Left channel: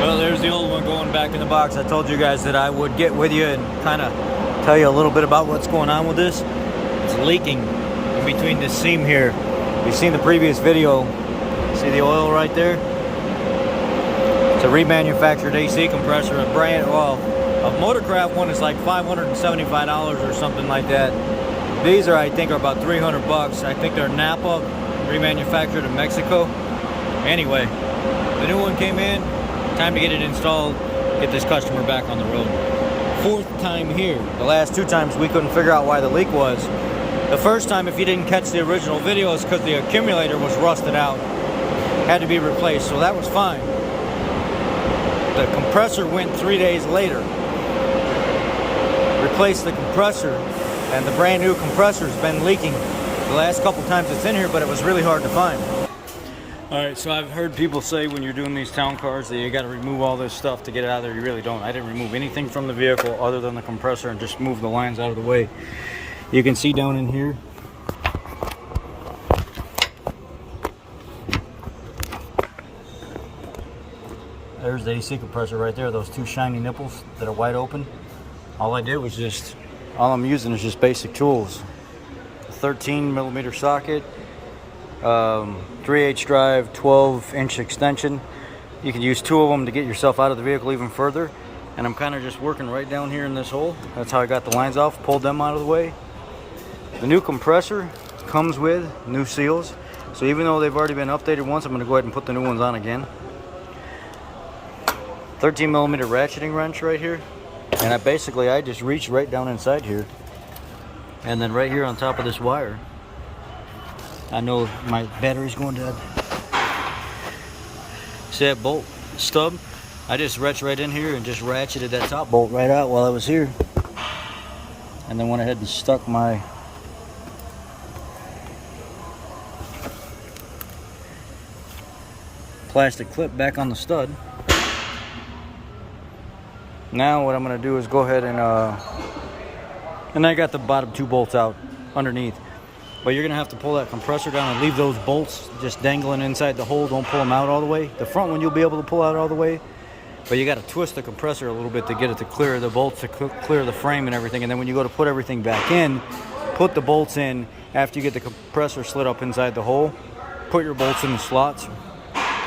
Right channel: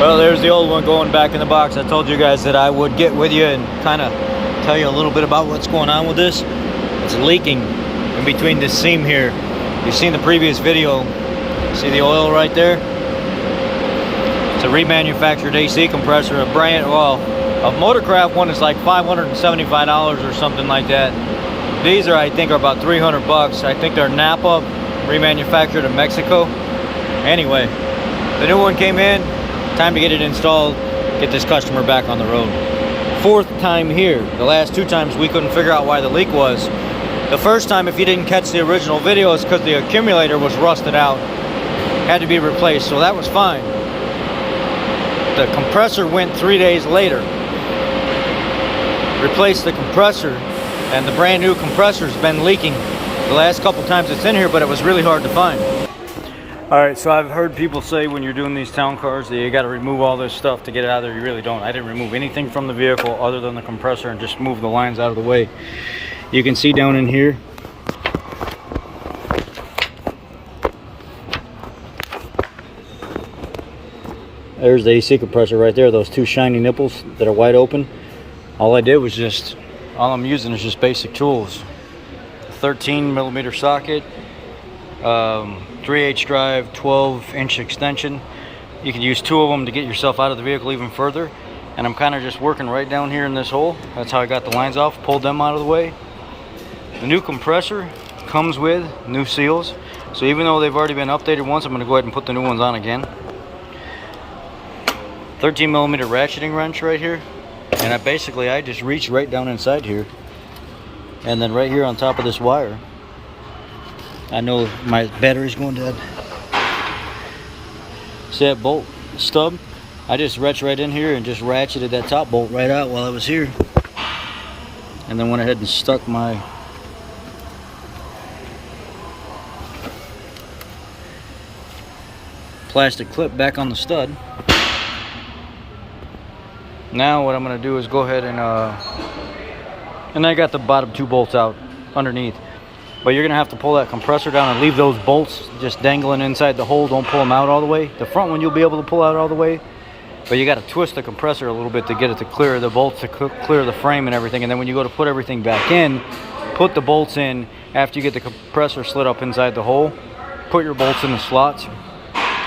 Well, there's the old one going back in the box. I told you guys that I would get with you and kind of tell you a little bit about what's going on with this. It's leaking in between this seam here. You've seen the previous video. See the oil right there? It's a remanufactured AC compressor. A Motorcraft one is like $575 or something like that. These are, I think, are about 300 bucks. I think they're Napa, remanufactured in Mexico. Anyway, the new one came in. Time to get it installed, get this customer back on the road. Fourth time here. The last two times we couldn't figure out why the leak was. The first time, if you didn't catch the original video, is because the accumulator was rusted out. Had to be replaced, so that was fine. The compressor went 3 days later. Replaced the compressor, and the brand new compressor's been leaking the last couple times it's in here, but it was really hard to find. Alright, so I've heard people say when you're doing these town cars that you got to remove all this stuff to get it out of there. You really don't. I didn't remove anything from the vehicle other than the compressor and just move the lines out of the way. You can see down in here. There's the AC compressor right there, those two shiny nipples that are wide open. All I did was all I'm using is just basic tools. 13mm socket. 3/8 drive, 12-inch extension. You can use two of them to get yourself out of the vehicle even further. And I'm kind of just working right down here in this hole. That's how I got the lines off, pulled them out of the way. The new compressor comes with new seals. So even though they've already been updated once, I'm going to go ahead and put the new ones on again. 13mm ratcheting wrench right here. And I just reach right down inside here. And then right here on top of this wire, I know my battery's going dead. See that bolt stub? I just reached right in here and just ratcheted that top bolt right out while I was here. And then went ahead and stuck my plastic clip back on the stud. Now what I'm going to do is go ahead and I got the bottom two bolts out underneath. But you're going to have to pull that compressor down and leave those bolts just dangling inside the hole. Don't pull them out all the way. The front one you'll be able to pull out all the way. But you got to twist the compressor a little bit to get it to clear the bolts, to clear the frame and everything. And then when you go to put everything back in, put the bolts in after you get the compressor slid up inside the hole. Put your bolts in the slots.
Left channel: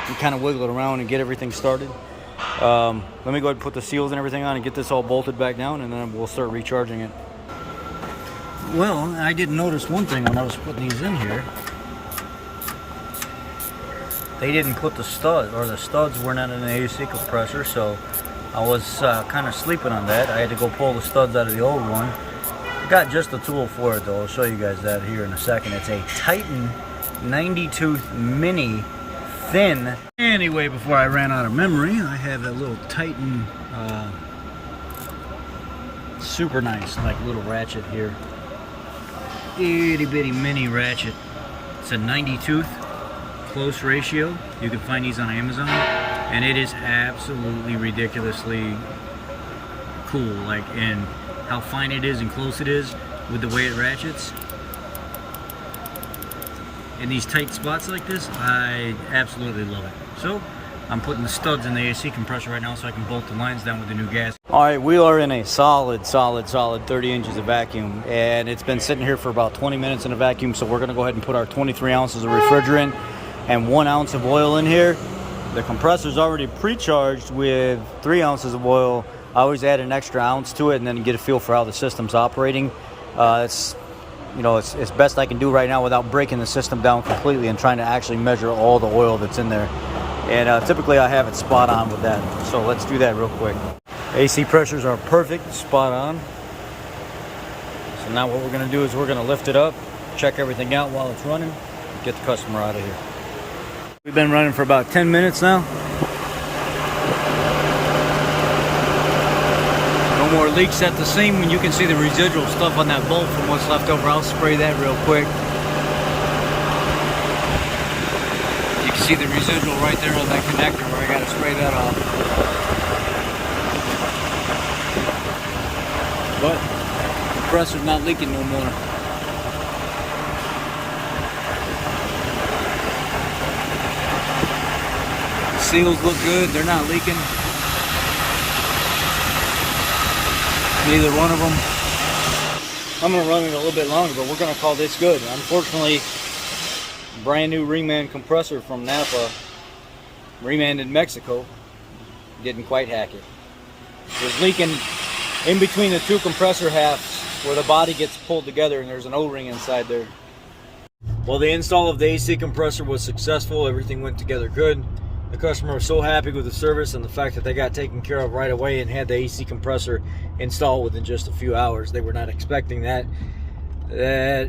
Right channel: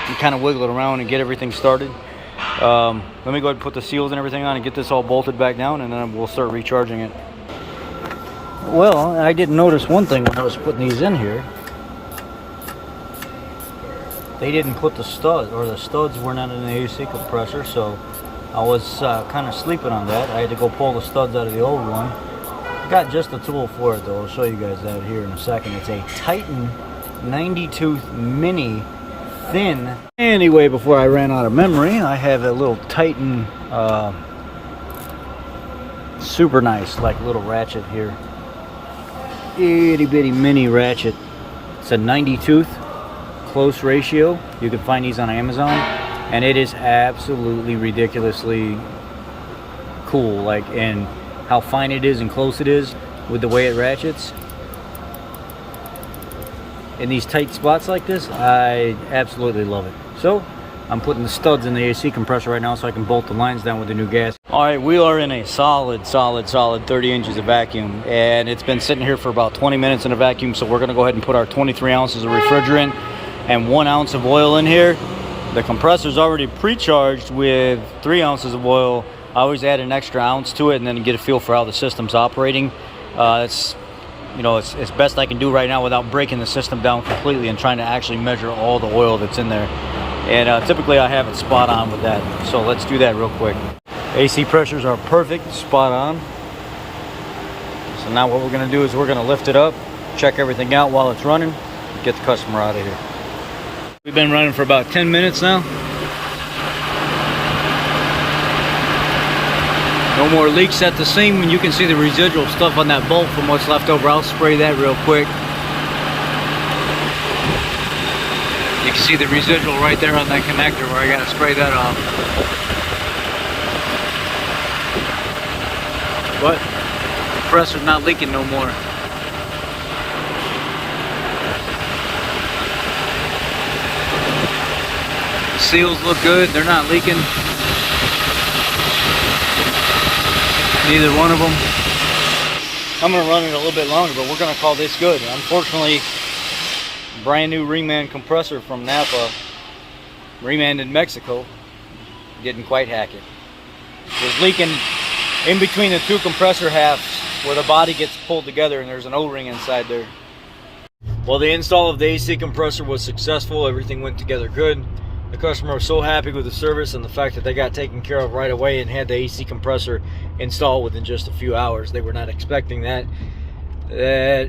You kind of wiggle it around and get everything started. Let me go ahead and put the seals and everything on and get this all bolted back down, and then we'll start recharging it. Well, I didn't notice one thing when I was putting these in here. They didn't put the stud, or the studs were not in the AC compressor, so I was kind of sleeping on that. I had to go pull the studs out of the old one. I got just the tool for it though. I'll show you guys that here in a second. It's a Titan 90-tooth mini thin. Anyway, before I ran out of memory, I have a little Titan super nice like little ratchet here. Itty bitty mini ratchet. It's a 90 tooth, close ratio. You can find these on Amazon, and it is absolutely ridiculously cool, like in how fine it is and close it is with the way it ratchets. In these tight spots like this, I absolutely love it. So I'm putting the studs in the AC compressor right now so I can bolt the lines down with the new gas. All right, we are in a solid 30 inches of vacuum, and it's been sitting here for about 20 minutes in a vacuum, so we're gonna go ahead and put our 23 ounces of refrigerant and 1 ounce of oil in here. The compressor's already pre-charged with 3 ounces of oil. I always add an extra ounce to it and then get a feel for how the system's operating. It's best I can do right now without breaking the system down completely and trying to actually measure all the oil that's in there. And typically I have it spot on with that. So let's do that real quick. AC pressures are perfect, spot on. So now what we're gonna do is we're gonna lift it up, check everything out while it's running, get the customer out of here. We've been running for about 10 minutes now. No more leaks at the seam, and you can see the residual stuff on that bolt from what's left over. I'll spray that real quick. You can see the residual right there on that connector where I gotta spray that off. But the compressor's not leaking no more. seals look good. They're not leaking. Neither one of them. I'm going to run it a little bit longer, but we're going to call this good. Unfortunately, brand new reman compressor from Napa, reman in Mexico, didn't quite hack it. It was leaking in between the two compressor halves where the body gets pulled together, and there's an O-ring inside there. Well, the install of the AC compressor was successful. Everything went together good. The customer was so happy with the service and the fact that they got taken care of right away and had the AC compressor installed within just a few hours. They were not expecting that.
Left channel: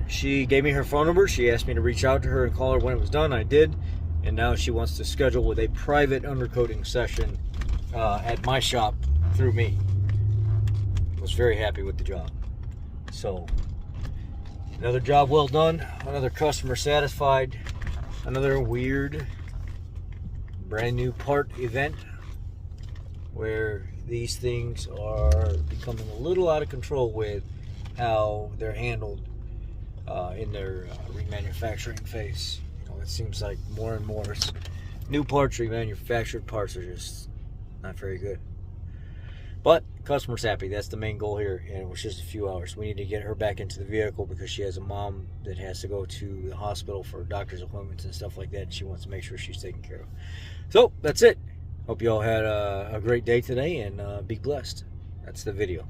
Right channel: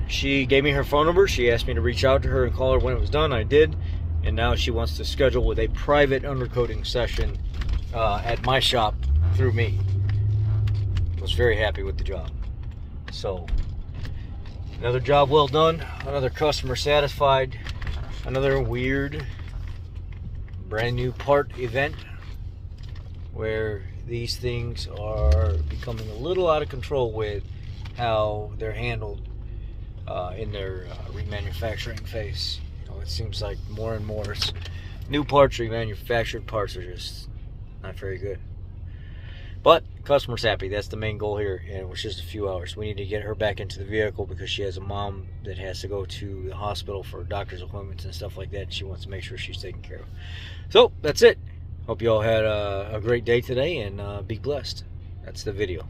She gave me her phone number. She asked me to reach out to her and call her when it was done. I did. And now she wants to schedule with a private undercoating session at my shop through me. I was very happy with the job. So, another job well done. Another customer satisfied. Another weird brand new part event where these things are becoming a little out of control with how they're handled in their remanufacturing phase. You know, it seems like more and more new parts, remanufactured parts, are just not very good. But customer's happy. That's the main goal here, and it was just a few hours. We need to get her back into the vehicle because she has a mom that has to go to the hospital for doctor's appointments and stuff like that, and she wants to make sure she's taken care of. So that's it. Hope you all had a great day today, and be blessed. That's the video.